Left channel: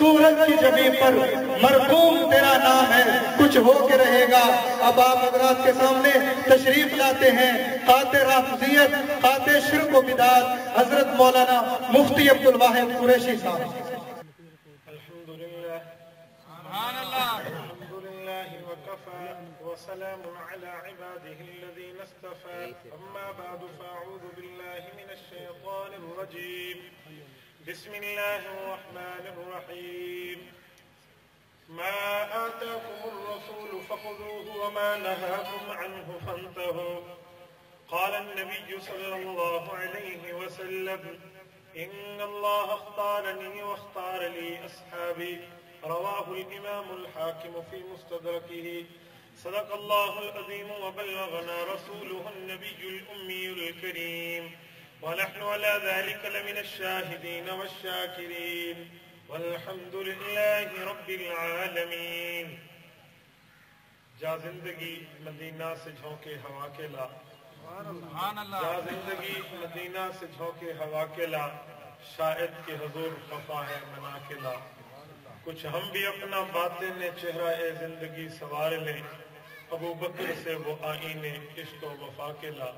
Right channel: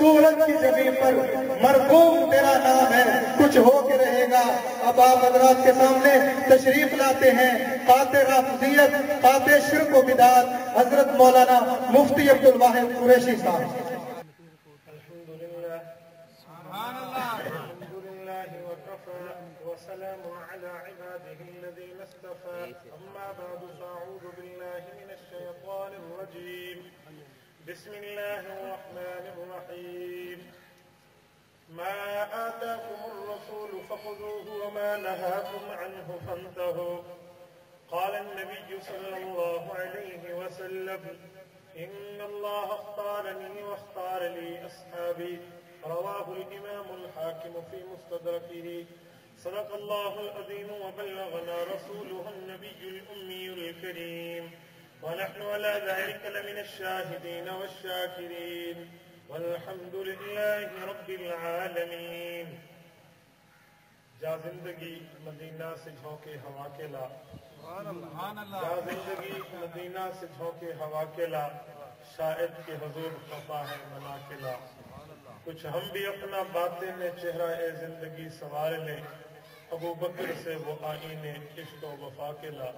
سورج کی زمین پر مرقوم تیرا نام ہے، کچھ ہو کے رہے گا۔ اب آپ حضرات کے سامنے تشریف لاتے ہیں قاطع رافضیت، قاطع شرک و بدعت، حضرت مولانا مفتی عبدالواحد قریشی صاحب۔ وسلام على عباده الذين اصطفى أما بعد فأعوذ بالله من الشيطان الرجيم بسم الله الرحمن الرحيم ما آتاكم الرسول فخذوه وما نهاكم عنه فانتهوا قال النبي صلى الله عليه وسلم إن الله اختارني واختار لي أصحابي رواه الإمام الحاكم في مستدركه صدق الله العظيم وبلغنا رسوله النبي الأمي الكريم ونحن على ذلك لمن الشاهدين والشاكرين والحمد لله رب العالمين۔ جا زندگی مدینہ سے جھونکے ہوا کے لا، جا زندگی مدینہ سے جھونکے ہوا کے لا، شاہد کی حضور خفا ہے منا کے لا۔ کچھ ہم بھی اپنا باطن چہرہ زندگی سوار لیں، ابو بکر سے وہ آئینے عشق و وفا کے لا۔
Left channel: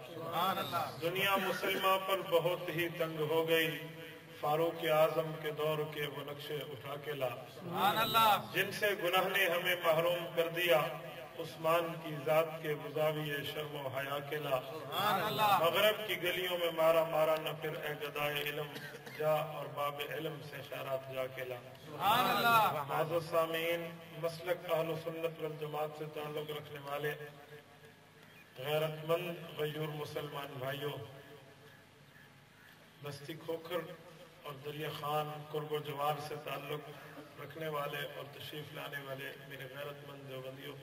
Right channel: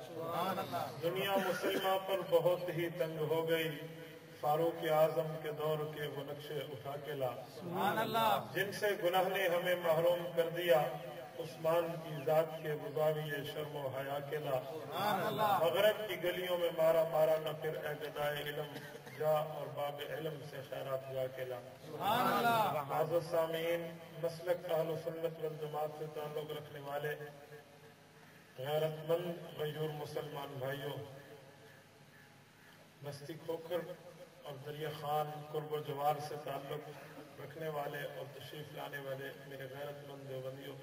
دنیا مسلمہ پر بہت ہی تنگ ہو گئی، فاروق اعظم کے دور کے وہ نقشے اٹھا کے لا۔ جن سے گناہ نے ہمیں محروم کر دیا، عثمان کی ذات کے بزاویے شرم و حیا کے لا۔ مغرب کی گلیوں میں مارا مارا نہ پھر اے گدائے علم، جا اور باب علم سے خیرات جا کے لا۔ معزز سامعین، مسلک اہل سنت والجماعت سے تعلق رکھنے والے غیرت مند غیور مسلمان بھائیوں، بستی کھوکھر اور دریا خان قرب و جوار سے تعلق رکھنے والے اور تشریف لانے والے میرے غیرت مند دیوبندیوں،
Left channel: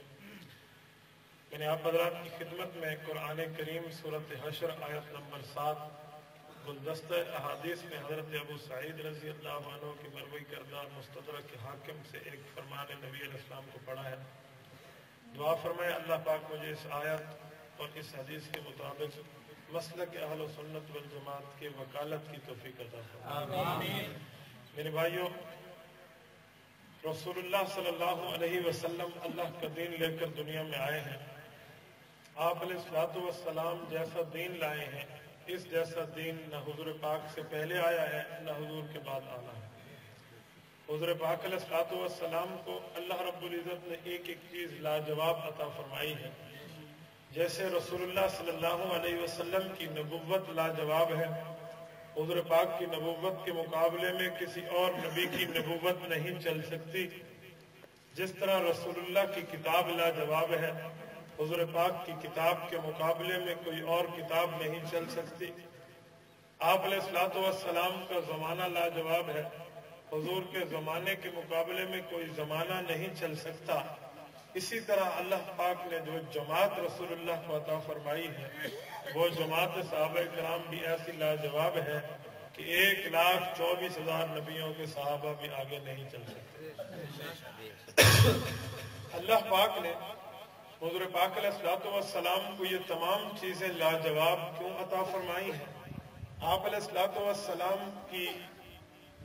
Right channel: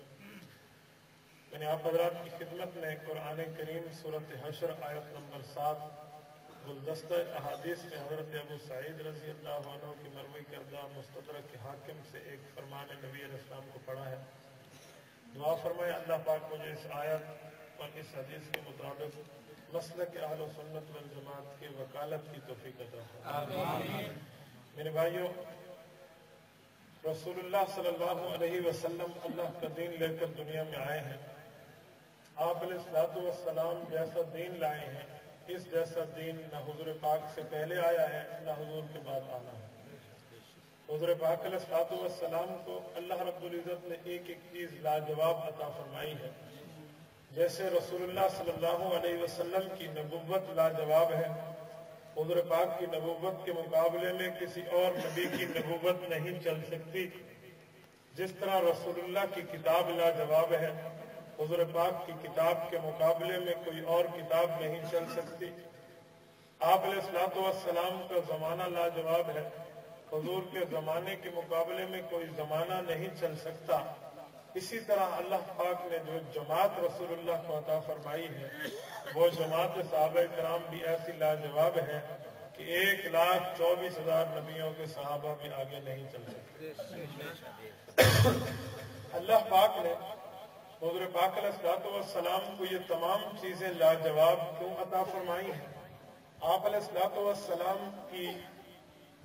میں نے آپ حضرات کی خدمت میں قرآن کریم سورۃ حشر آیت نمبر 7 گلدستہ احادیث میں حضرت ابو سعید رضی اللہ عنہ کی مروی کردہ مستدرک حاکم سے ایک فرمان نبی علیہ السلام کو پڑھا ہے۔ دعا فرمائے اللہ پاک مجھے اس آیت اور اس حدیث کے مطابق مسلک اہل سنت والجماعت کے وکالت کی توفیق عطا فرمائے۔ میرے بھائیوں، رسول اللہ صلی اللہ علیہ وسلم اللہ کا دین لے کر دنیا میں آئے ہیں۔ آپ علیہ الصلوۃ والسلام جیسا دین لائے ہیں، اس جیسا دین نہ حضور پاک سے پہلے آیا ہے نہ حضور کے بعد آنا ہے۔ حضور پاک علیہ الصلوۃ والسلام کو اللہ رب العزت نے ایک ایک چیز لاجواب عطا فرمائی ہے۔ جیسے رسول اللہ صلی اللہ علیہ وسلم کی نبوت لاجواب ہے، حضور پاک کی نبوت کے مقابلے میں کسی اور نبی کی نبوت نہیں چل سکتی۔ جس طرح رسول اللہ کی کتاب لاجواب ہے، حضور پاک کی کتاب کے مقابلے میں کوئی اور کتاب نہیں چل سکتی۔ آپ علیہ الصلوۃ والسلام کا زمانہ لاجواب ہے، حضور کے زمانے کے مقابلے میں کوئی زمانہ نہیں چل سکتا۔ اسی طرح اللہ پاک نے جو جماعت رسول اللہ کو عطا فرمائی ہے، وہ جماعت صحابہ کرام بھی ایسی لاجواب ہے کہ 1,24,000 نبیوں کے صحابہ بھی آگے نہیں چل سکتے۔ اللہ پاک نے حضور پاک علیہ الصلوۃ والسلام کو یہ تمام چیزیں لاجواب کیوں عطا فرمائی ہیں؟ آپ علیہ الصلوۃ والسلام کی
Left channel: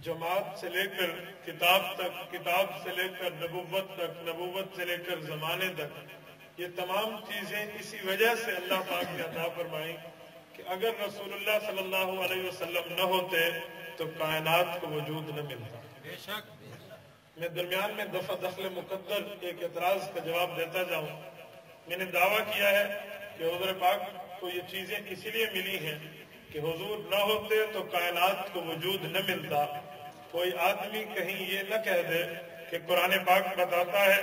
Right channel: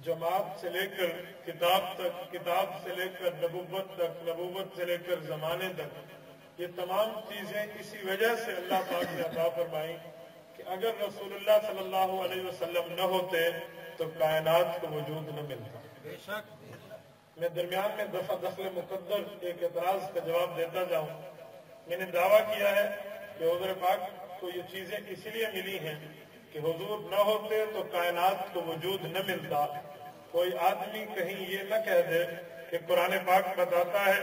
جماعت سے لے کر کتاب تک، کتاب سے لے کر نبوت تک، نبوت سے لے کر زمانے تک، یہ تمام چیزیں اسی وجہ سے اللہ پاک نے عطا فرمائی کہ اگر رسول اللہ صلی اللہ علیہ وسلم نہ ہوتے تو کائنات کو وجود نہ ملتا۔ بے شک میں درمیان میں دفعہ دخل مقدر ایک اعتراض کا جواب دیتا جاؤں۔ میں نے دعویٰ کیا ہے کہ حضور پاک کو یہ چیزیں اسی لیے ملی ہیں کہ حضور نہ ہوتے تو کائنات کو وجود نہ ملتا۔ کوئی آدمی کہیں یہ نہ کہہ دے کہ قرآن پاک بتاتا ہے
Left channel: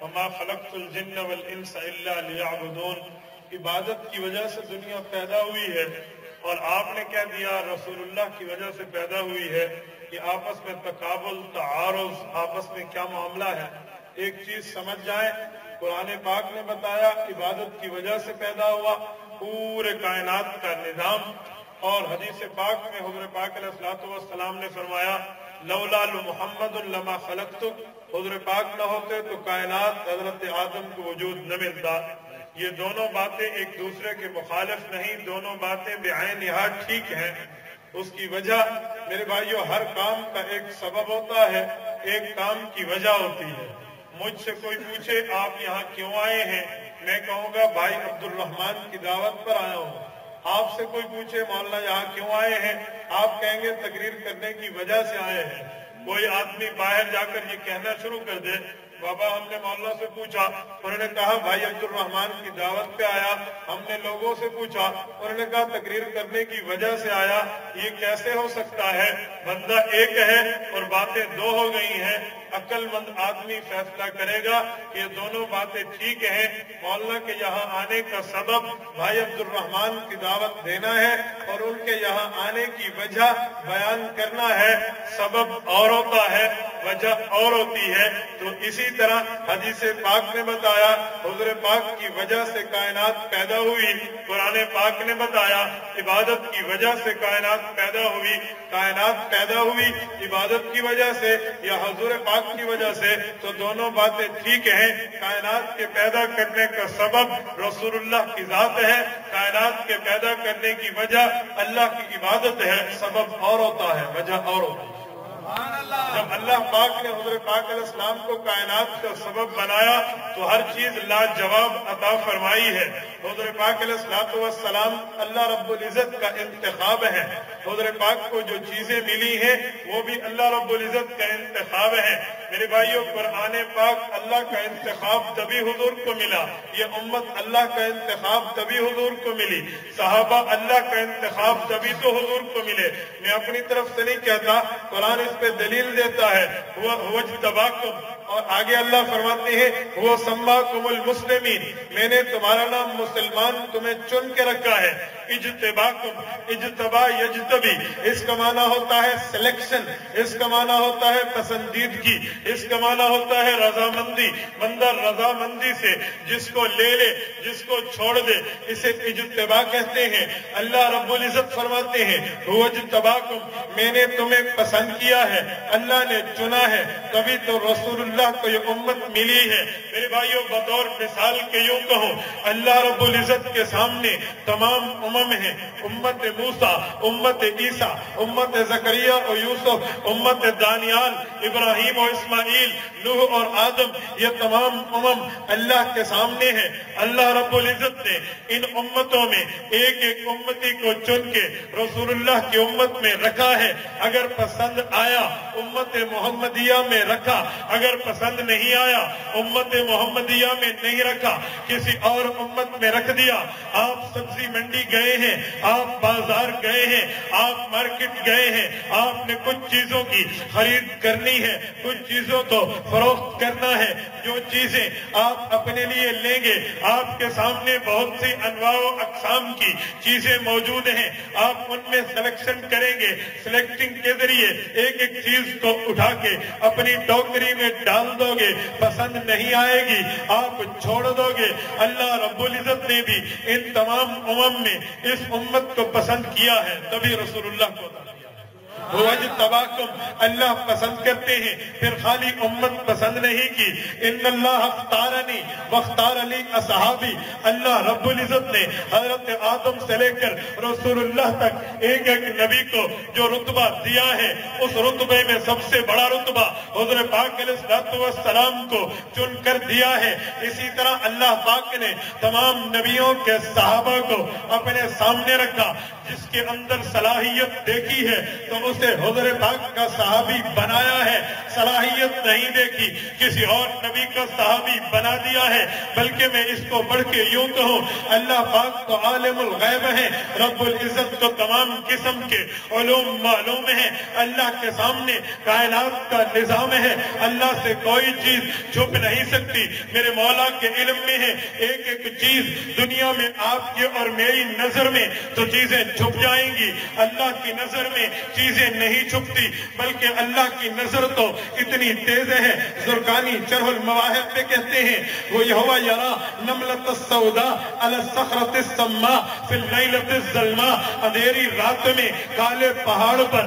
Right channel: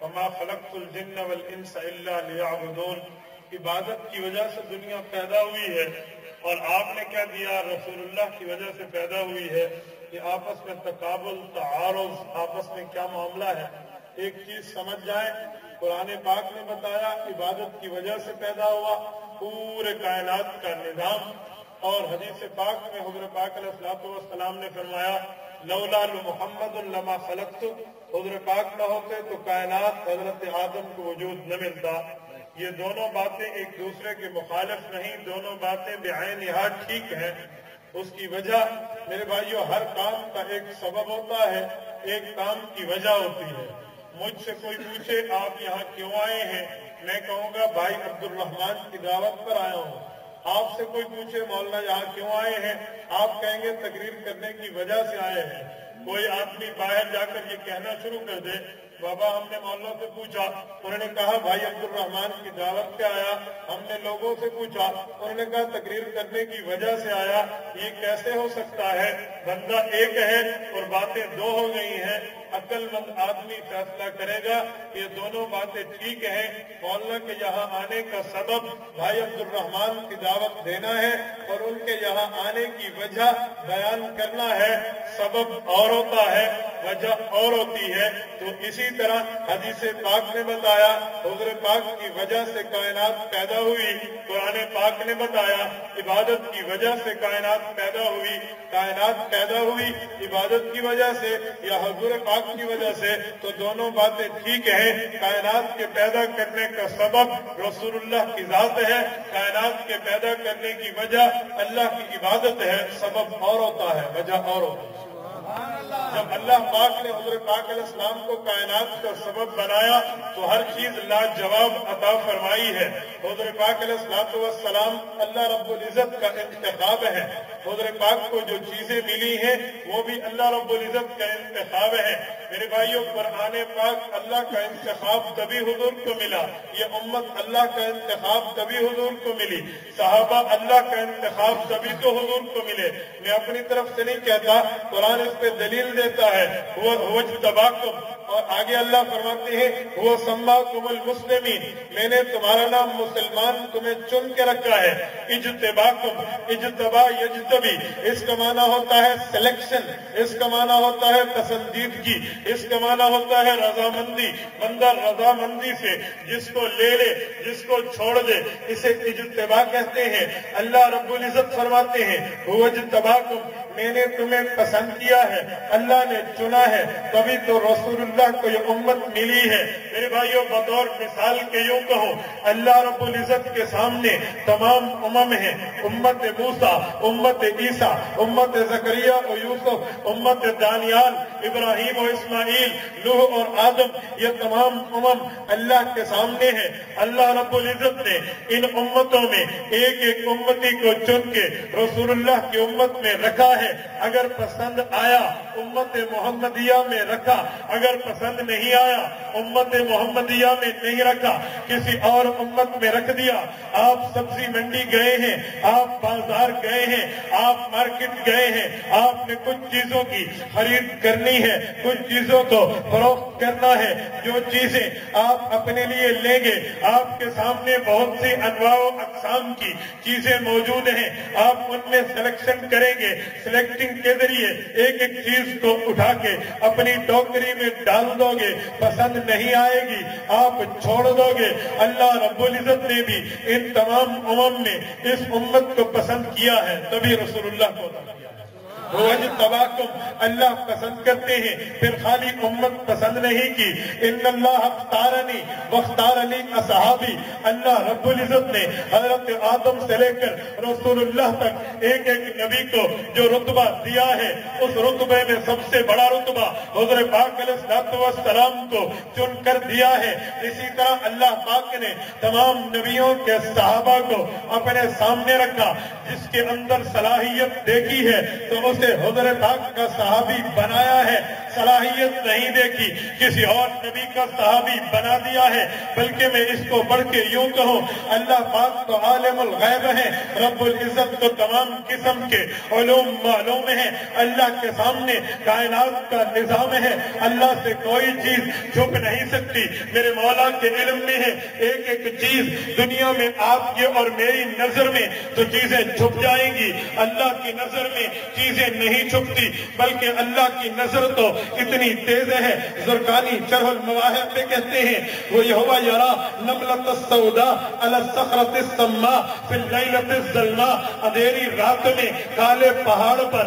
وَمَا خَلَقْتُ الْجِنَّ وَالْإِنسَ إِلَّا لِيَعْبُدُونَ، عبادت کی وجہ سے دنیا پیدا ہوئی ہے، اور آپ نے کہہ دیا رسول اللہ کی وجہ سے پیدا ہوئی ہے۔ کہ آپس میں تقابل، تعارض، آپس میں کیا معاملہ ہے، ایک چیز سمجھ جائیں۔ قرآن پاک نے بتایا عبادت کی وجہ سے پیدا ہوا پورے کائنات کا نظام، اور حدیث پاک میں حضور پاک علیہ الصلوۃ والسلام نے فرمایا لولا محمد لما خلقتک، حضور پاک نہ ہوتے تو کائنات حضرت آدم کو وجود نہ ملتا۔ یہ دونوں باتیں ایک دوسرے کے مخالف نہیں، دونوں باتیں بعینہا ٹھیک ہیں۔ اس کی وجہ میرے بھائیوں ہر کام کا ایک سبب ہوتا ہے، ایک کام کی وجہ ہوتی ہے۔ مجھ سے کوئی پوچھے آپ یہاں کیوں آئے ہیں، میں کہوں گا بھائی عبد الرحمان کی دعوت پر آیا ہوں۔ آپ سے کوئی پوچھے مولانا یہاں کیوں آئے ہیں، آپ کہیں گے تقریر کرنے کی وجہ سے آئے ہیں۔ کوئی آدمی باہر جا کر یہ کہنا شروع کر دے بابا ہم نے مولانا سے پوچھا، انہوں نے کہا بھائی عبد الرحمان کی دعوت پہ آیا، ہم نے لوگوں سے پوچھا، انہوں نے کہا تقریر کرنے کی وجہ سے آیا، یہ کیسے ہو سکتا ہے؟ بندہ ایک ہے اور باتیں دو ہو گئی ہیں۔ عقل مند آدمی فیصلہ کرے گا کہ یہ دونوں باتیں ٹھیک ہیں۔ مولانا کے یہاں آنے کا سبب بھائی عبد الرحمان کی دعوت دینا ہے اور ان کے یہاں آنے کی وجہ بیان کرنا ہے۔ سبب اور ہوتا ہے، وجہ اور ہوتی ہے۔ تو اسی طرح حدیث پاک نے بتایا حضور پاک کی وجہ سے کائنات پیدا ہوئی، قرآن پاک نے بتایا عبادت کی وجہ سے کائنات پیدا ہوئی، کائنات پیدا ہوئی عبادت کی وجہ سے یا حضور پاک کی وجہ سے، تو دونوں باتیں ٹھیک ہیں۔ کائنات کے پیدا کرنے کا سبب رسول اللہ کی ذات ہے، کائنات کے پیدا کرنے کی وجہ اللہ کی عبادت ہے۔ سبب اور ہوتا ہے، وجہ اور ہوتا ہے۔ جب اللہ پاک نے حضور پاک علیہ السلام کو کائنات کا سبب بنایا تو ہر چیز لاجواب عطا فرمائی ہے۔ حضور پاک علیہ السلام اللہ رب العزت کا انتخاب ہے۔ حضور پاک کو جو چیزیں ملی ہیں وہ بھی اللہ رب العزت کا انتخاب ہے۔ میرے بھائیوں قرآن پاک اللہ کا انتخاب تبھی حضور کو ملا، یہ امت اللہ کا انتخاب تبھی حضور کو ملی، صحابہ اللہ کا انتخاب تبھی تو حضور کو ملے۔ میں اپنی طرف سے نہیں کہتا، قرآن اس پہ دلیل دیتا ہے، وہ اجتباکم، اور آگے اللہ فرماتے ہیں وہ سماکم المسلمین، میں نے تمہارا نام مسلمان تمہیں چن کے رکھا ہے۔ اجتباکم، اجتبا یجتبی، اس کا معنی ہوتا ہے سلیکشن، اس کا معنی ہوتا ہے پسندیدگی، اس کا معنی ہوتا ہے رضامندی۔ بندہ رضامندی سے جس کو لے لے، جس کو چھوڑ دے، اسے اجتبا کہتے ہیں۔ اللہ رب العزت فرماتے ہیں وہ اجتباکم، میں نے تمہیں پسند کیا ہے، اللہ نے چنا ہے، تبھی تو رسول اللہ کو یہ امت ملی ہے۔ میرے بھائیوں بطور مثال کے یوں کہوں، اللہ رب العزت کے سامنے تمام امم ہیں، امت موسیٰ، امت عیسیٰ، امت زکریا اور یوسف، امت دانیال، ابراہیم و اسماعیل، نوح اور آدم، یہ تمام امم اللہ کے سامنے ہیں۔ اللہ رب العزت نے ان امتوں میں ایک ایک امتی کو چن کے رسول اللہ کی امت میں رکھا ہے۔ اگر پسند آیا امت محمدیہ میں رکھا، اگر پسند نہیں آیا امت محمدیہ میں نہیں رکھا، کسی اور امت میں رکھ دیا۔ آپ سبزی منڈی گئے ہیں، آپ بازار گئے ہیں، آپ مارکیٹ گئے ہیں، آپ نے کچھ چیزوں کی خرید کرنی ہے، کچھ چیزوں کو فروخت کرنا ہے۔ جو چیزیں آپ اپنے لیے لیں گے، آپ کے سامنے بہت سی انواع و اقسام کی چیزیں موجود ہیں، آپ ان میں سلیکشن کریں گے۔ سلیکٹنگ کے ذریعے ایک ایک چیز کو اٹھا کے اپنی ٹوکری میں ڈال دو گے، پسند نہیں آئے گی آپ چھوڑ دو گے۔ اللہ رب العزت نے بھی ان تمام امم میں اس امت کو پسند کیا ہے، تبھی رسول اللہ کو وَاجْتَبَاكُمْ، اللہ پسند کرتے ہیں، پھر خالی امت پسند نہیں کی۔ ان اللہ اختارنی واختار لی اصحابی، اللہ رب العزت نے حضرت آدم سے لے کر رسول اللہ تک ایک ایک نبی کو جو رتبہ دیا ہے، اس رتبے میں سب سے بڑا رتبہ حضور پاک علیہ السلام کو چن کر دیا ہے۔ اسی طرح اللہ پاک نے تمام نبیوں کے صحابہ کو اپنے سامنے رکھا، جس کے اندر صلاحیت دیکھی ہے تو اسے حضور پاک کا صحابی بنایا ہے، صلاحیت نہیں دیکھی کسی اور نبی کا صحابی بنا دیا ہے۔ بلکہ میں اس کو بڑھ کے یوں کہوں، اللہ پاک تو عالم الغیب ہے، رب العزت کو تمام قسم کے علوم معلوم ہے۔ اللہ کے سامنے کائنات کا نظام ہے، اللہ سے کوئی چیز چھپ نہیں سکتی۔ میرے مولا کے علم میں ہے ایک ایک چیز دنیا میں آپ کی اور میری نظر میں تو چیزیں چھپ جائیں گی، اللہ کی نظر میں چیزیں نہیں چھپتی، بلکہ اللہ کی نظر تو اتنی تیز ہے۔ زرقانی شرح المواہب میں کہتے ہیں وَيَهْوَ يَرَى نَمْلَةَ السَّوْدَاءَ عَلَى الصَّخْرَةِ السَّمَّاءِ فِي اللَّيْلَةِ الظَّلْمَاءِ، اندھیری رات میں کالے پہاڑ پر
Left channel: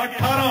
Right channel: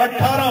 18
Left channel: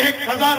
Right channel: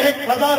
1000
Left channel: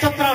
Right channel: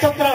17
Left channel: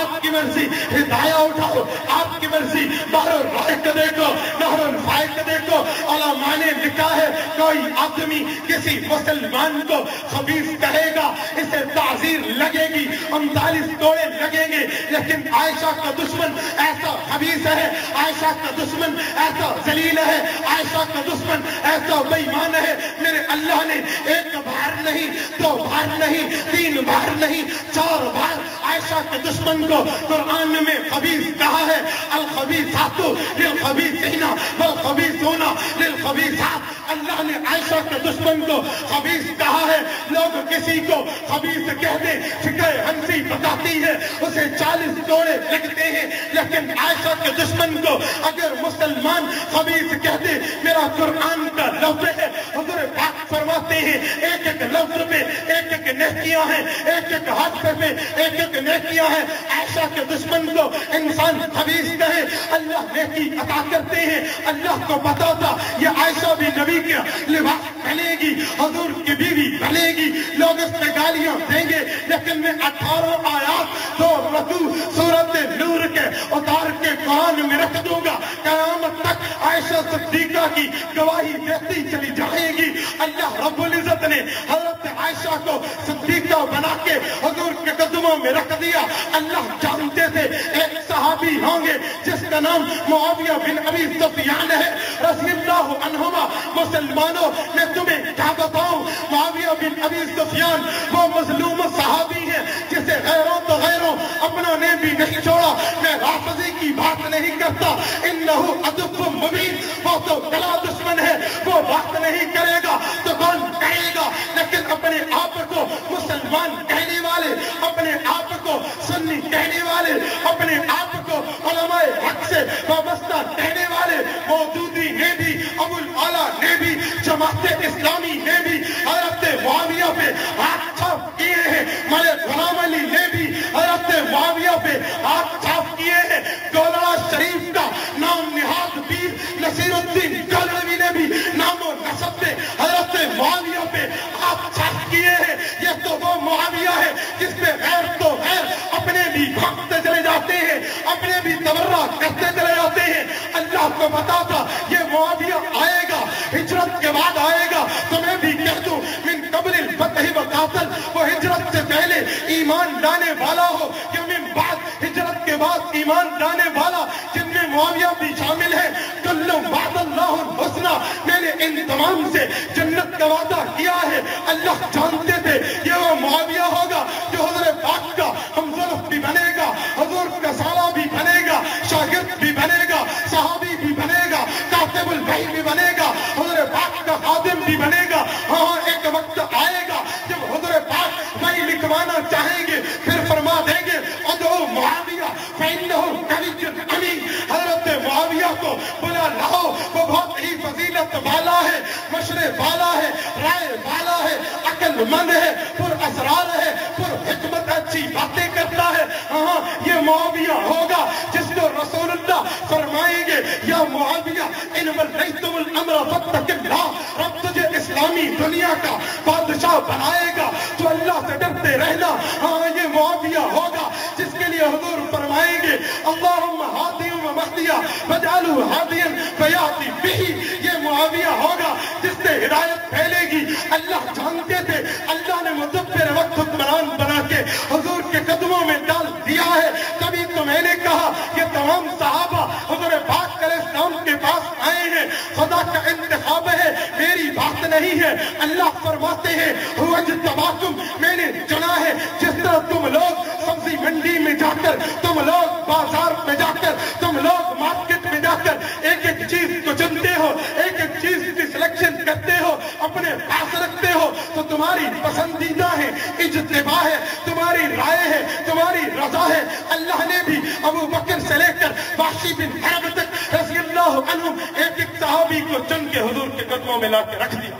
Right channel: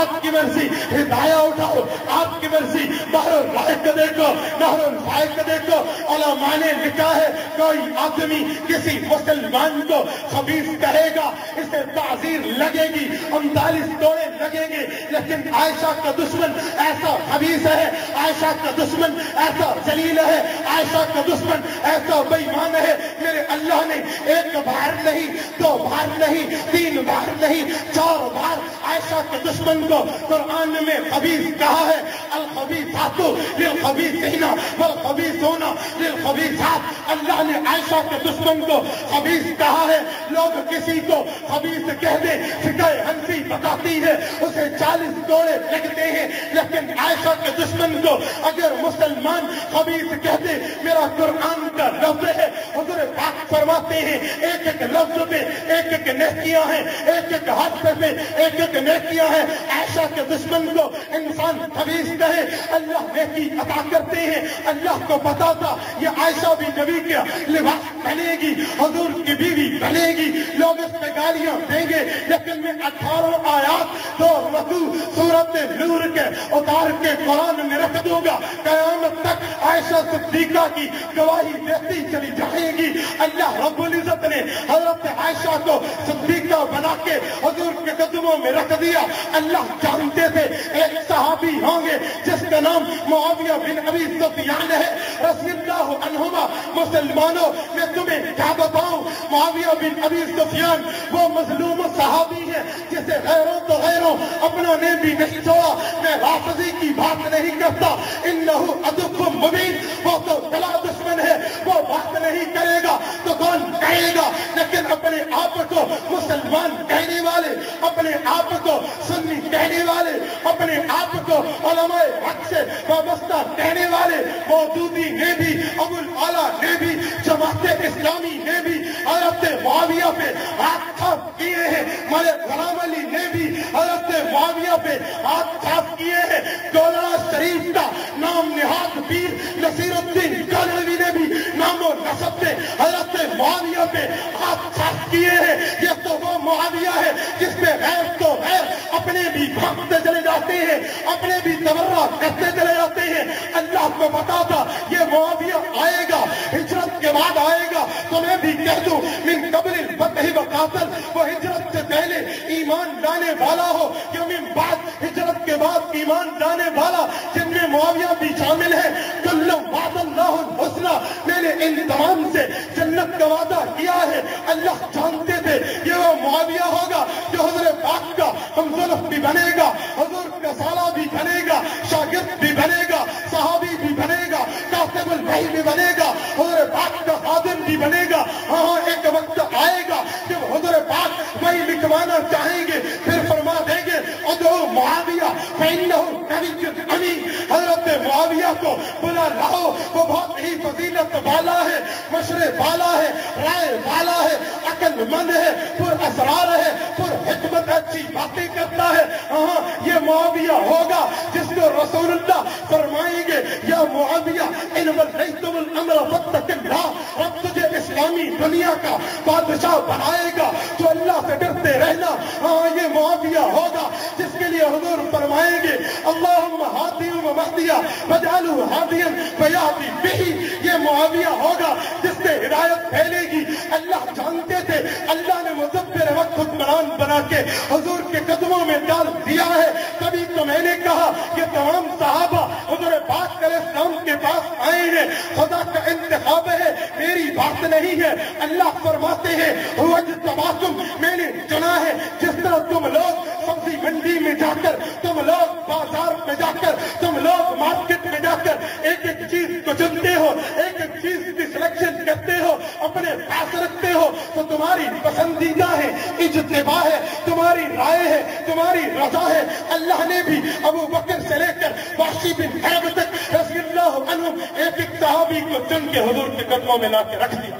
آپ کی مرضی ہدایہ اٹھاؤ، آپ کی مرضی بحر الرائق دیکھو، نہر الفائق دیکھو۔ علماء نے لکھا ہے کوئی آدمی کسی مسلمان کو خبیث کہے گا اسے تعزیر لگے گی، 39 کوڑے لگیں گے، لیکن عائشہ کا دشمن ایسا خبیث ہے، عائشہ کا دشمن ایسا ذلیل ہے، عائشہ کا دشمن ایسا بے ایمان ہے۔ میرے اللہ نے ایک بار نہیں، 2 بار نہیں، 3 بار نہیں، 4 بار عائشہ کے دشمن کو قرآن میں خبیث کہا ہے۔ الخبیثات للخبیثین والخبیثون للخبیثات۔ اللہ نے عائشہ کے دشمن کو خبیث کہا ہے۔ لوگ کسی کو خبیث کہہ دیں، فقہ حنفی بتاتی ہے اسے 40 کوڑے لگتے ہیں، لیکن عائشہ کے دشمن کو اگر مسلمان خبیث کہہ دے، میرا قرآن کا لفظ ہے، حضور پاک فرماتے ہیں ایک ایک لفظ پہ ایک ایک نیکیاں ہیں، ایک ایک حرف پہ ایک ایک نیکیاں ہیں۔ عائشہ کے دشمن کو انسان خبیث کہے، اللہ نیکی عطا کرتے ہیں۔ اللہ کو پتا تھا یہ عائشہ بھی نبی کا لباس بنے گی، حضور کی بیوی بنے گی، لوگ اس پہ گالیاں دیں گے، لیکن میں 18 آیات 2 رکوع سورت نور کے اتار کے قرآن میں رکھ دوں گا، قیامت تک عائشہ صدیقہ کی گواہی دیتی چلی جائے گی۔ اللہ رب العزت نے حضرت عائشہ کو صدیقہ بنا کے حضور کے قدموں میں رکھ دیا۔ اللہ جانتے تھے ایک صحابی ہوں گے جس کا نام معاویہ بن ابی سفیان ہے رضی اللہ عنہما۔ مسلمانوں میں تمہیں کیا بتاؤں، معاویہ بن ابی سفیان وہ مظلوم صحابی ہے جسے غیروں تو غیروں اپنوں نے بھی نہیں چھوڑا۔ میں رافضی کی بات نہیں کرتا، انہ عدو مبین، وہ تو بلا دشمن ہے، وہ بات نہیں کرے گا تو کون کہے گا، لیکن اپنے آپ کو مسلمان کہنے والے، اپنے آپ کو سنی کہنے والے، اپنے آپ کو علماء حق سے وابستہ کہنے والے، مودودی نے بھی، ابو الاعلیٰ نے بھی، جماعت اسلامی نے بھی حضرت معاویہ پہ ہاتھ چھاپ کیے ہیں، ملک غلام علی نے بھی حضرت معاویہ پہ ہاتھ چھاپ کیے ہیں، گولڑا شریف کا نام نہاد پیر نصیر الدین کانوی نے بھی نام و نسب پہ حضرت معاویہ پہ ہاتھ چھاپ کیے ہیں۔ یہ تو وہ معاویہ ہے جس پہ غیر تو غیر اپنے بھی بھاگتے چلے جاتے ہیں، اپنے بھی تبرہ کرتے چلے جاتے ہیں۔ اللہ کو پتا تھا یہ معاویہ آئے گا، ہجرت کے بعد آئے گا، تو میں بھی کہہ دوں من قبل الفتح وقاتل، وہ ہجرت سے پہلے ایمان لانے والا ہو یا من بعد ہجرت کے بعد ایمان لانے والا، جن میں معاویہ بھی شامل ہے۔ کل وعد اللہ الحسنى، میں نے ان تمام سے جنت کا وعدہ کیا ہے۔ اللہ جانتے تھے یہ وہ معاویہ ہوگا جو حضور پاک کا ہمزلف بھی بنے گا، حضور کا سالہ بھی بنے گا، شاگرد بھی بنے گا، صحابی بھی بنے گا، کاتب الوحی بھی بنے گا، حضور پاک کا خادم بھی بنے گا۔ ہاں ایک وقت آئے گا جب حضور پاک وہی لکھوانا چاہیں گے، پھر فرما دیں گے ادعو معاویہ فإنہ قوی امین۔ حضرت معاویہ کو بلا لاؤ، وہ بہت ہی فضیلت والا ہے، مشرے والا ہے، رائے والا ہے، عقل مند ہے، پر اسرار ہے، پر حکمت، اچھی باتیں کرتا ہے۔ ہاں یہ معاویہ ہوگا جس کو رسول اللہ فرمائیں گے یا معاویہ ان ولیتم الامر فاتق اللہ، رب تجھے اسلامی دنیا کا بادشاہ بنائے گا تو اللہ سے ڈرتے رہنا۔ ہاں یہ معاویہ ہوگا جس کے لیے حضور فرمائیں گے اللہم ہادی و مہدیہ فجعلہ ہادیا فیاتی بہ۔ یہ معاویہ ہوگا جس سے ہدایت پھیلے گی۔ اللہ جانتے تھے اللہ نے مدبر وقت حکمران بنا کے حضور کے قدموں میں ڈال دیا ہے۔ تبھی تو میں نے کہا کہ تمام صحابہ حضور پاک علیہ السلام کے پاس آئے ہیں، خدا کا انتخاب ہے، میری بات نہیں ہے۔ اللہ فرماتے ہیں هو اجتباکم، میں نے چنا ہے۔ جس طرح تم لوگ سبزی منڈی میں جا کر، تم لوگ بازار میں جا کر، تم لوگ مارکیٹ میں جا کر ایک ایک چیز کو چنتے ہو، ایک ایک چیز کی سلیکشن کرتے ہو، اپنے پاس رکھتے ہو، تو تمہاری پسندیدہ ہے، اجتباع ہے، تمہاری رائے ہے، تمہاری رضا ہے۔ اللہ نے بھی ابو بکر سے لے کر وحشی بن حرب تک رضی اللہ عنہ ایک ایک صحابی کو چن کے حضور کے قدموں میں لا کے رکھ دیا،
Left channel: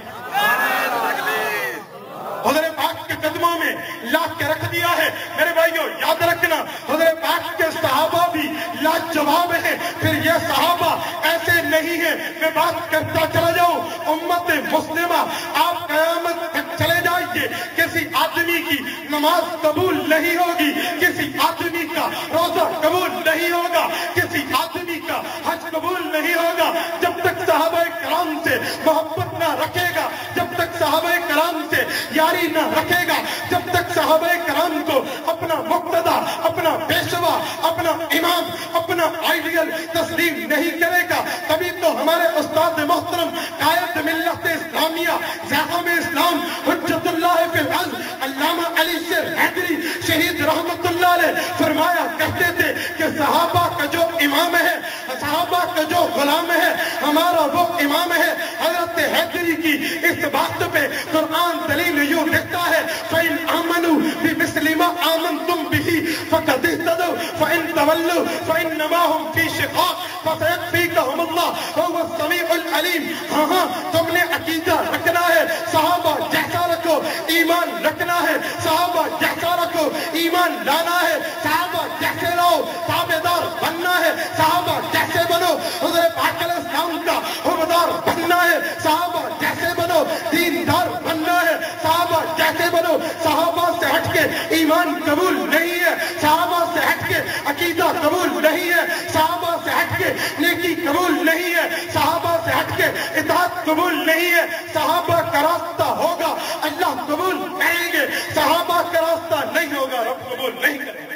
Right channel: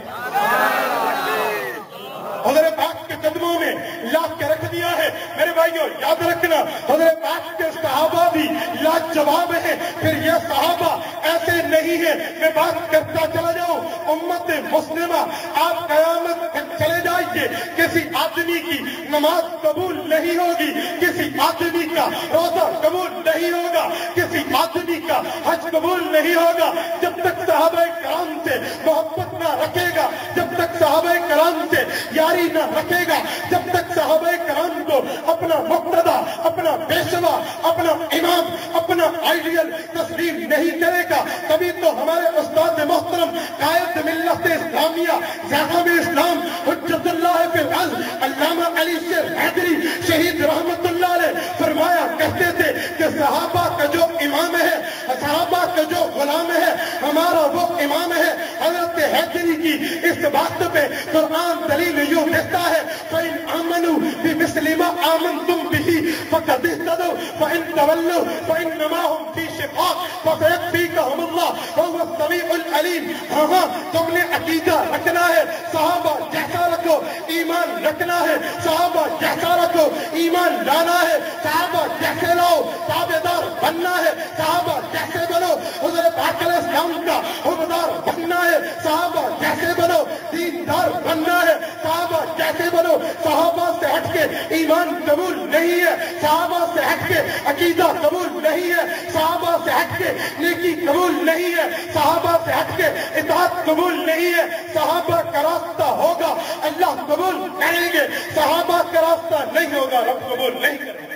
حضرت پاک کے قدموں میں لا کے رکھ دیا ہے۔ میرے بھائیو یاد رکھنا حضرت پاک کے صحابہ بھی لاجواب ہیں، پھر یہ صحابہ ایسے نہیں ہیں۔ میں بات کرتا چلا جاؤں، امت مسلمہ آپ قیامت تک چلے جائیے، کسی آدمی کی نماز قبول نہیں ہوگی, کسی آدمی کا روزہ قبول نہیں ہوگا, کسی آدمی کا حج قبول نہیں ہوگا جب تک صحابہ کرام سے محبت نہ رکھے گا, جب تک صحابہ کرام سے یاری نہ رکھے گا, جب تک صحابہ کرام کو اپنا مقتدا, اپنا پیشوا, اپنا امام, اپنا آئیڈیل تسلیم نہیں کرے گا. تبھی تو ہمارے استاد محترم قائد ملت اسلامیہ, زعیم اسلام, حجت اللہ فی الارض, علامہ علی سے حیدری شہید رحمت اللہ علیہ فرمایا کرتے تھے کہ صحابہ کا جو امام ہے, صحابہ کا جو غلام ہے, ہمارا وہ امام ہے. حضرت حیدری کی اس بات پہ قرآن دلیل یوں دیتا ہے, فَإِنْ آمَنُوا بِمِثْلِ مَا آمَنْتُمْ بِهِ فَقَدِ اهْتَدَوْا فَإِنْ تَوَلَّوْا فَإِنَّمَا هُمْ فِي شِقَاقٍ فَسَيَكْفِيكَهُمُ اللَّهُ وَهُوَ السَّمِيعُ الْعَلِيمُ. ہاں تم نے عقیدہ رکھنا ہے, صحابہ جیسا رکھو, ایمان رکھنا ہے, صحابہ جیسا رکھو, ایمان لانا ہے, صحابہ جیسے لاؤ, تابعدار بننا ہے, صحابہ جیسے بنو, حضور پاک علیہ السلام کا حبدار بننا ہے, صحابہ جیسے بنو, دیندار بننا ہے, صحابہ جیسے بنو. صحابہ سے ہٹ کے ایمان قبول نہیں ہے, صحابہ سے ہٹ کے عقیدہ قبول نہیں ہے, صحابہ سے ہٹ کے نیکی قبول نہیں ہے, صحابہ سے ہٹ کے اطاعت قبول نہیں ہے. صحابہ کا راستہ ہوگا اللہ قبول کریں گے, صحابہ کا راستہ نہیں ہوگا رب قبول نہیں کریں گے.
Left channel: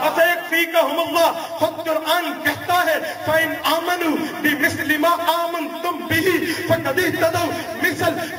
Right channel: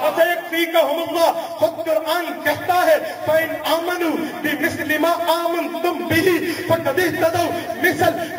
فَسَيَكْفِيكَهُمُ اللَّهُ, خود قرآن کہتا ہے فَإِنْ آمَنُوا بِمِثْلِ مَا آمَنْتُمْ بِهِ فَقَدِ اهْتَدَوْا.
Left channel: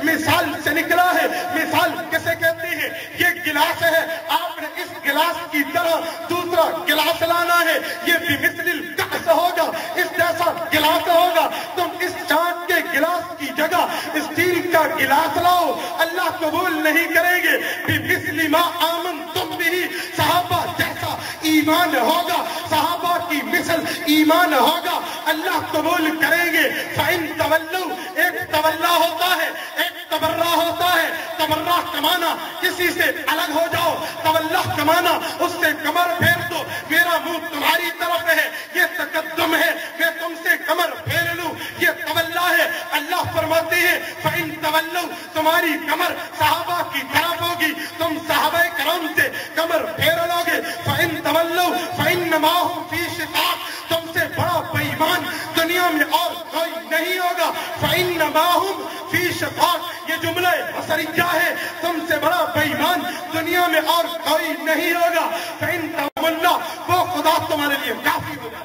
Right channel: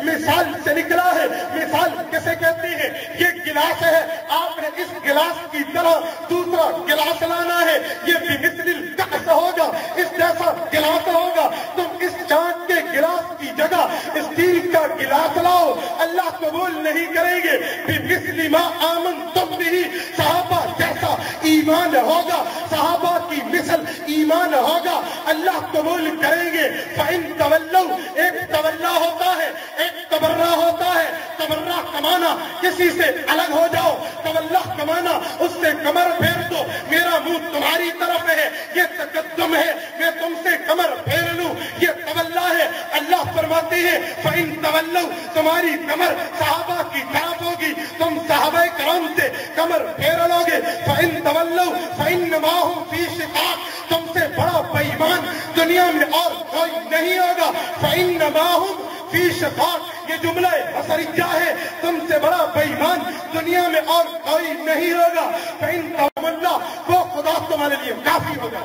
مثال سے نکلا ہے. مثال کیسے کہتی ہے؟ یہ گلاس ہے, آپ نے اس گلاس کی طرح دوسرا گلاس لانا ہے, یہ بِمِثْلِ الْكَأْسِ ہوگا, اس جیسا گلاس ہوگا. تم اس چاند کے گلاس کی جگہ اسٹیل کا گلاس لاؤ, اللہ قبول نہیں کریں گے. بِمِثْلِ مَا آمَنْتُمْ بِهِ, صحابہ جیسا ایمان ہوگا, صحابہ کی مثل ایمان ہوگا, اللہ قبول کریں گے. فَإِن تَوَلَّوْا, ایک تولا ہوتا ہے, ایک تبرہ ہوتا ہے. تبرہ کمانا کسی سے الگ ہو جاؤ, تولا کمانا اس سے کمر پھیر دو, میرا منہ تمہاری طرف ہے, یہ تقدم ہے, میں تم سے کمر پھیر لوں, یہ تولا ہے. اللہ فرماتے ہیں فَإِن تَوَلَّوْا, تمہاری کمر صحابہ کی طرف ہوگی, تم صحابہ کرام سے کمر پھیر لو گے. فَإِن تَوَلَّوْا فَإِنَّمَا هُمْ فِي شِقَاقٍ, تم سے بڑا بے ایمان دنیا میں اور کوئی نہیں ہوگا. فَإِنَّمَا هُمْ فِي شِقَاقٍ, یہ جملہ بصریہ ہے, تم سے بڑا بے ایمان دنیا میں اور کوئی نہیں ہوگا. فَإِن تَوَلَّا, وہ خدا تمہارے لیے کافی ہوگا.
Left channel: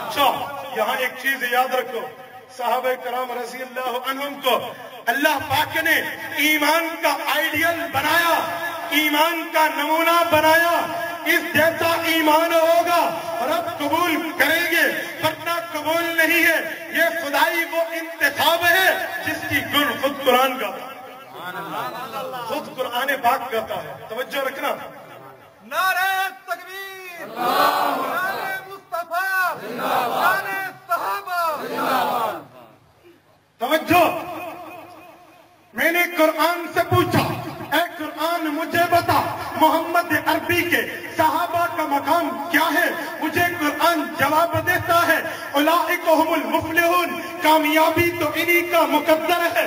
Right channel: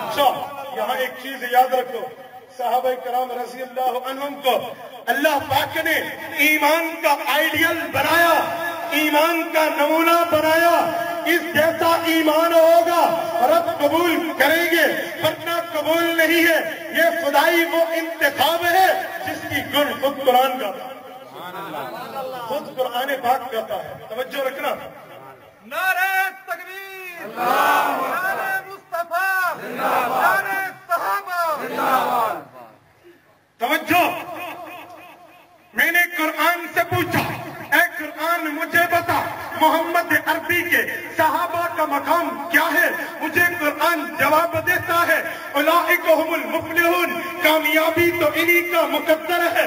اچھا یہاں ایک چیز یاد رکھو, صحابہ کرام رضی اللہ عنہم کو اللہ پاک نے ایمان کا آئیڈیل بنایا, ایمان کا نمونہ بنایا. اس جیسا ایمان ہوگا رب قبول کریں گے, ورنہ قبول نہیں ہے. یہ خدائی وہ انتخاب ہے جس کی گن خود قرآن گاتا ہے, خود قرآن پاک گاتا ہے. توجہ رکھنا. نعرہ تکبیر, نعرہ مصطفیٰ, نعرہ صحابہ. توجہ, میں نے قرآن سے پوچھا, اے قرآن مجھے بتا محمد عربی کے صحابہ کا مقام کیا ہے؟ مجھے قرآن جواب دیتا ہے اولئک هم المفلحون, کامیابی تو انہی کا مقدر ہے.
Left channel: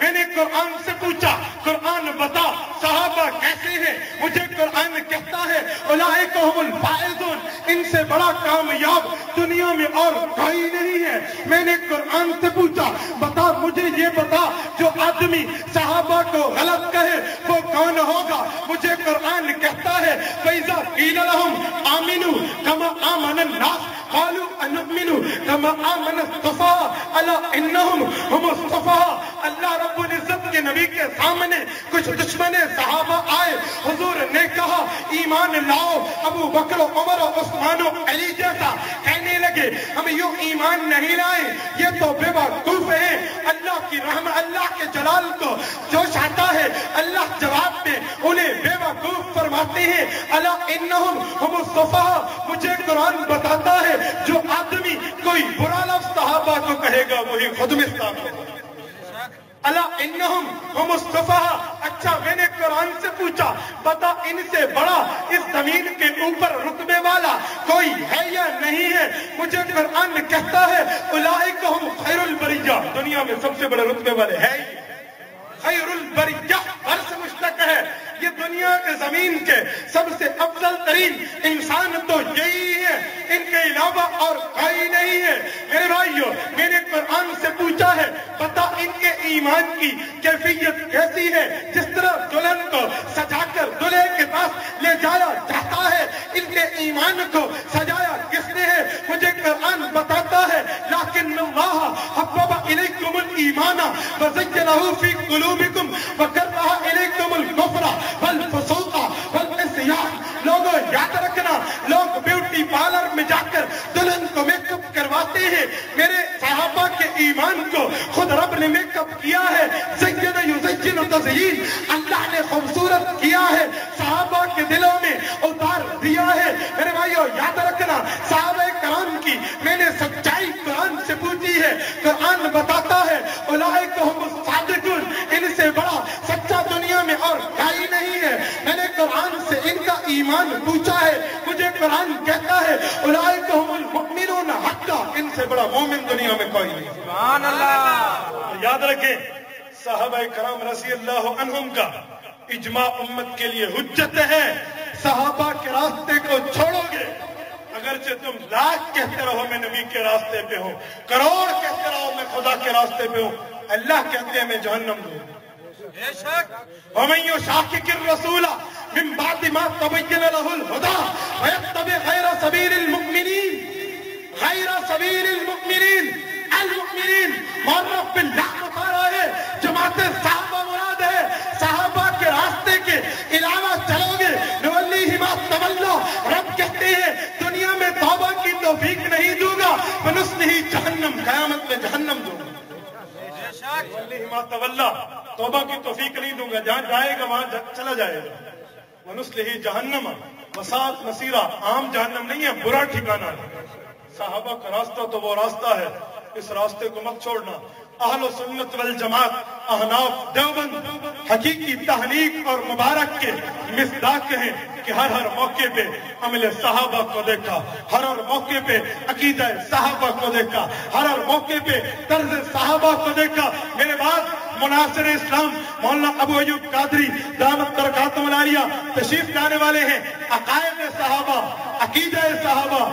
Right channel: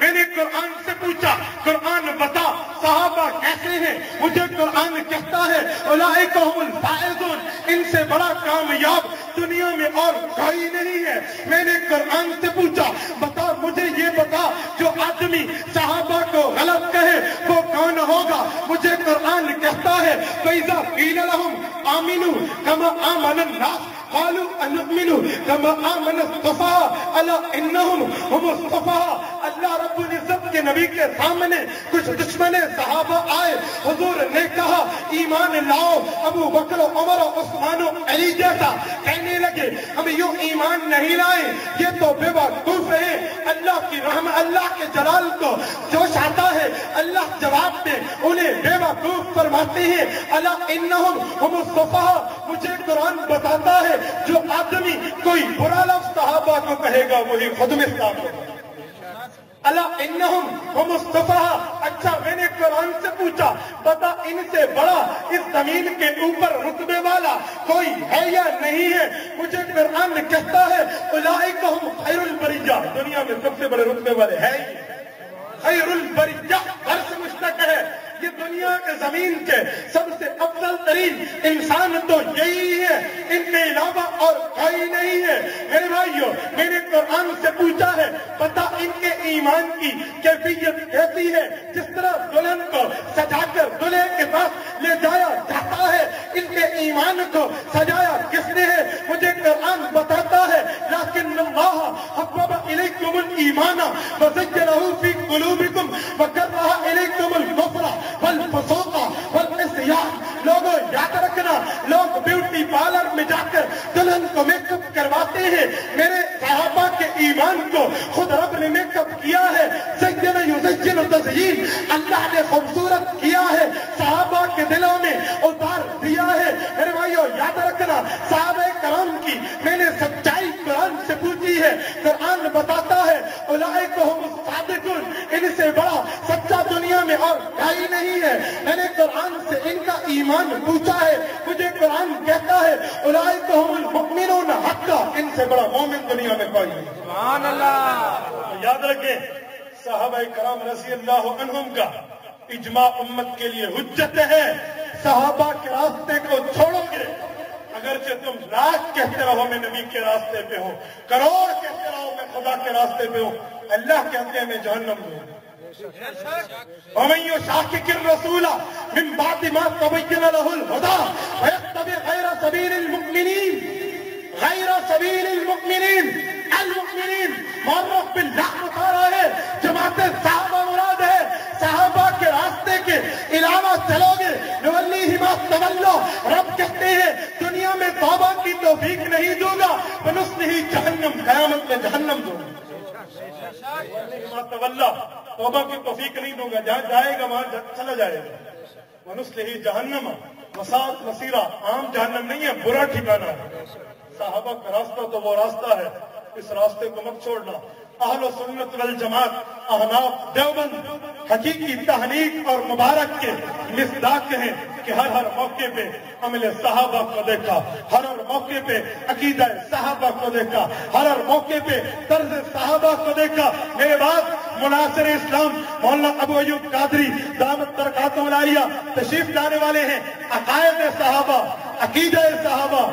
میں نے قرآن سے پوچھا قرآن بتا صحابہ کیسے ہیں؟ مجھے قرآن کہتا ہے اولئک هم الفائزون, ان سے بڑا کامیاب دنیا میں اور کوئی نہیں ہے. میں نے قرآن سے پوچھا بتا, مجھے یہ بتا جو آدمی صحابہ کو غلط کہے وہ کون ہوگا؟ مجھے قرآن کہتا ہے فَإِذَا قِيلَ لَهُمْ آمِنُوا كَمَا آمَنَ النَّاسُ قَالُوا أَنُؤْمِنُ كَمَا آمَنَ السُّفَهَاءُ أَلَا إِنَّهُمْ هُمُ السُّفَهَاءُ. اللہ رب العزت کے نبی کے سامنے کچھ دشمن صحابہ آئے, حضور نے کہا ایمان لاؤ. ابو بکر, عمر, عثمان و علی جیسا کہنے لگے ہم یوں ایمان نہیں لائے, یہ تو بے وقوف ہیں. اللہ کی رحمت, اللہ کے جلال کو جو چاہتا ہے اللہ جواب دے, انہیں بے وقوف فرماتے ہیں الا انہم ہم الصفا. مجھے قرآن بتاتا ہے جو آدمی کوئی برا لفظ صحابہ کو کہے گا وہی خود میں ثابت ہے. الا انہم ہم الصفا. اچھا میں نے قرآن سے پوچھا بتا ان سے بڑا اس زمین کے اوپر رتبے والا کوئی ہے یا نہیں ہے؟ مجھے قرآن کہتا ہے اولئک ہم خیر البریہ, دنیا میں سب سے بڑے رتبے والے ہیں. خیر البریہ عرش مشتق ہے, یہ دنیا کے زمین کے سب سے افضل ترین انسان تو یہی ہے، ان کے علاوہ اور کوئی نہیں ہے۔ میرے بھائیو، میں نے قرآن سے پوچھا ہے پتا ان کے ایمان کی کیفیت کیسی ہے؟ جس طرح دلہن کو سجا کر دلہے کے پاس لے جایا جاتا ہے، ان کے ایمان کو سجایا کس نے ہے؟ مجھے قرآن بتاتا ہے لیکن اللہ حبب الیکم الایمان وزینہ فی قلوبکم وکرہ الیکم الکفر والفسوق والعصیان۔ لوگوں یاد رکھنا، لوگ بیوٹی پارلر میں جا کر دلہن کو میک اپ کرواتے ہیں، میرے صحابہ کے ایمان کو خود رب نے میک اپ کیا ہے، زین یزین تزیین، اللہ نے خوبصورت کیا ہے، صحابہ کے دلوں میں اتار دیا ہے۔ میرے بھائیو یاد رکھنا، صحابہ کرام کی میں نے سچائی قرآن سے پوچھی ہے، قرآن بتاتا ہے اولئک ھم الصادقون، ان سے بڑا سچا دنیا میں اور کوئی نہیں ہے۔ میں نے قرآن سے ان کا ایمان پوچھا ہے، مجھے قرآن کہتا ہے اولئک ھم المؤمنون حقا، ان سے بڑا مومن دنیا میں کوئی نہیں۔ سبحان اللہ۔ یاد رکھیں، صحابہ کرام رضی اللہ عنہم کا اجماع امت کے لیے حجت ہے۔ صحابہ کے راستے کو چھوڑو گے، اگرچہ تم لاکھ کہتے رہو میں نبی کے راستے پہ ہوں، کروڑ کہتے رہو میں خدا کے راستے پہ ہوں، اللہ کہتے ہیں میں جہنم دوں گا۔ ومن یشاقق الرسول من بعد ما تبین له الهدى ويتبع غیر سبیل المؤمنین، غیر سبیل المؤمنین، المؤمنین معرف باللہ بتا رہا ہے، جماعت صحابہ مراد ہے۔ صحابہ کے راستے کے علاوہ چلو گے نولیہ ما تولی، رب کہتے ہیں دنیا میں توبہ کی توفیق نہیں دوں گا، ونصلہ جہنم، قیامت میں جہنم دوں گا۔ ما تولا، توبہ کی توفیق نہیں دوں گا، جہاں جائے گا وہاں چلا جائے گا۔ ونصلہ جہنم وساءت مصیرا، عام جہنم نہیں ہے، برا ٹھکانہ ہے۔ صحابہ کا راستہ تو وہ راستہ ہے، اس راستے کو مت چھوڑنا۔ اہل سنت والجماعت، احناف، دیوبند حقیقی تحقیق اور مبارک کے مصداق ہیں کہ ہر موقع پہ عمل صحابہ کو دیکھا، ہر موقع پہ عقیدہ صحابہ کو دیکھا، ہر موقع پہ طرز صحابہ کو دیکھا۔ میرے بعد مناصر اسلام مولانا ابو ایوب قادری دامت برکاتہ العالیہ تشریف لانے والے ہیں۔ عقائد صحابہ، عقیدہ صحابہ،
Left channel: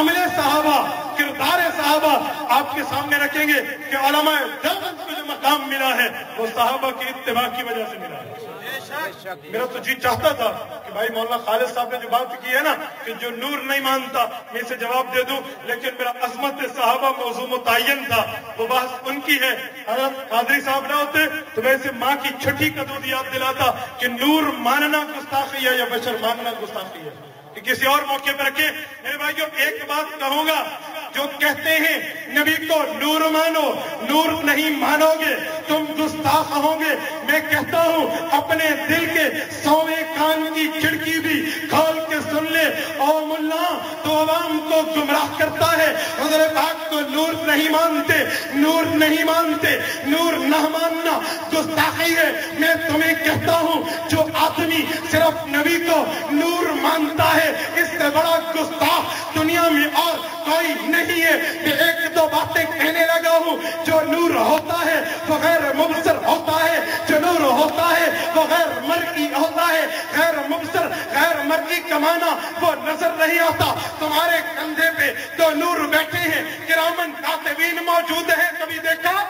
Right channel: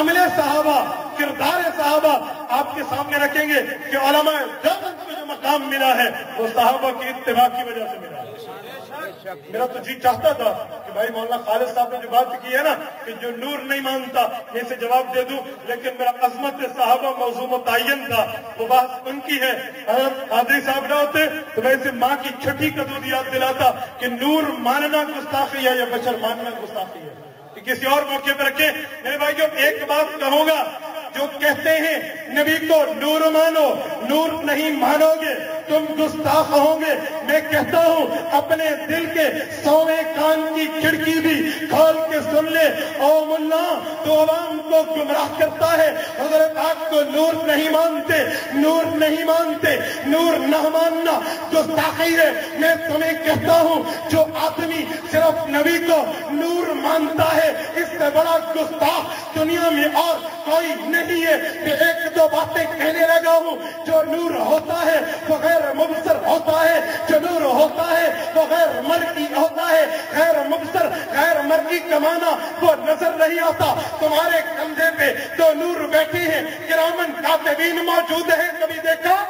عمل صحابہ، کردار صحابہ آپ کے سامنے رکھیں گے کہ علماء دیوبند کو جو مقام ملا ہے وہ صحابہ کی اتباع کی وجہ سے ملا ہے۔ میرا تو جی چاہتا تھا کہ بھائی مولانا خالد صاحب نے جو بات کی ہے نا کہ جو نور نہیں مانتا میں اسے جواب دے دوں، لیکن میرا عظمت صحابہ موضوع متعین تھا، وہ بات ان کی ہے۔ حضرت قادری صاحب نہ ہوتے تو میں اسے ماں کی چھٹی کا دودھ یاد دلاتا کہ نور ماننا گستاخی ہے یا بشر ماننا گستاخی ہے، کہ کسی اور موقع پر رکھے۔ میرے بھائی جو ایک بات کہوں گا، جو کہتے ہیں نبی کو نور مانو، نور نہیں مانو گے تم گستاخ ہوں گے، میں کہتا ہوں اپنے دل کے 100ویں کان کی کھڑکی بھی کھول کے سن لے، او ملا تو عوام کو گمراہ کرتا ہے، حضرت پاک کو نور نہیں مانتے، نور نہیں مانتے، نور نہ ماننا گستاخی ہے۔ میں تمہیں کہتا ہوں جو آدمی صرف نبی کو نور مانتا ہے اس سے بڑا گستاخ دنیا میں اور کوئی نہیں ہے۔ کہ ایک دو باتیں کہنے لگا ہوں، جو نور ہوتا ہے وہ غیر مبصر ہوتا ہے، جو نور ہوتا ہے وہ غیر مرئی ہوتا ہے، غیر مبصر غیر مرئی کا معنی وہ نظر نہیں آتا۔ تمہارے کندھے پہ دو نور بیٹھے ہیں، کرامن کاتبین موجود ہیں، کبھی دیکھا؟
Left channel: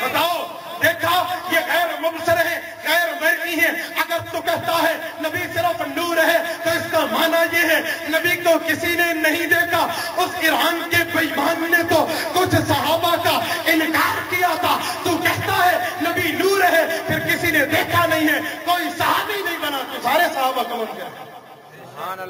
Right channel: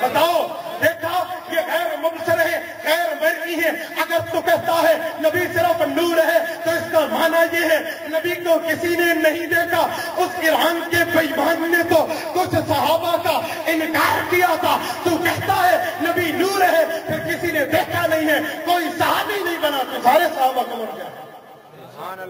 بتاؤ دیکھا؟ یہ غیر مبصر ہے، غیر مرئی ہے۔ اگر تو کہتا ہے نبی صرف نور ہے تو اس کا معنی یہ ہے نبی کو کسی نے نہیں دیکھا۔ اس ایران کے بےمان نے تو کچھ صحابہ کا انکار کیا تھا، تو کہتا ہے نبی نور ہے پھر کسی نے دیکھا نہیں ہے، کوئی صحابی نہیں بنا تو سارے صحابہ کو مر گئے۔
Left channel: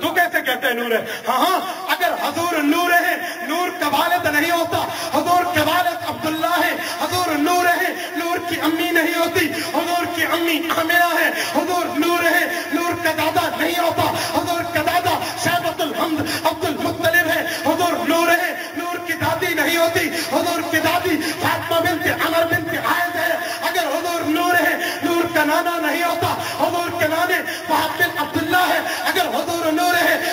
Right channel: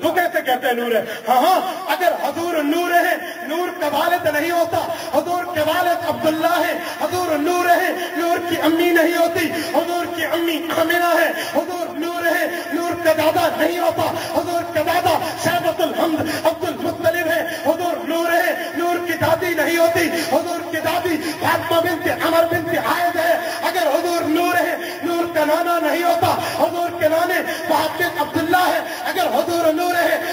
تو کیسے کہتے ہیں نور ہے؟ ہاں اگر حضور نور ہے، نور کا والد نہیں ہوتا، حضور کے والد عبداللہ ہے، حضور نور ہے، نور کی امی نہیں ہوتی، حضور کی امی آمنہ ہے، حضور نور ہے، نور کا دادا نہیں ہوتا، حضور کا دادا شیبۃ الحمد عبد المطلب ہے، حضور نور ہے، نور کی دادی نہیں ہوتی، حضور کی دادی فاطمہ بنت عمر بنت عائد ہے۔ اگر حضور نور ہے، نور کا نانا نہیں ہوتا، حضور کے نانے وہب بن عبداللہ ہے۔ اگر حضور نور ہے،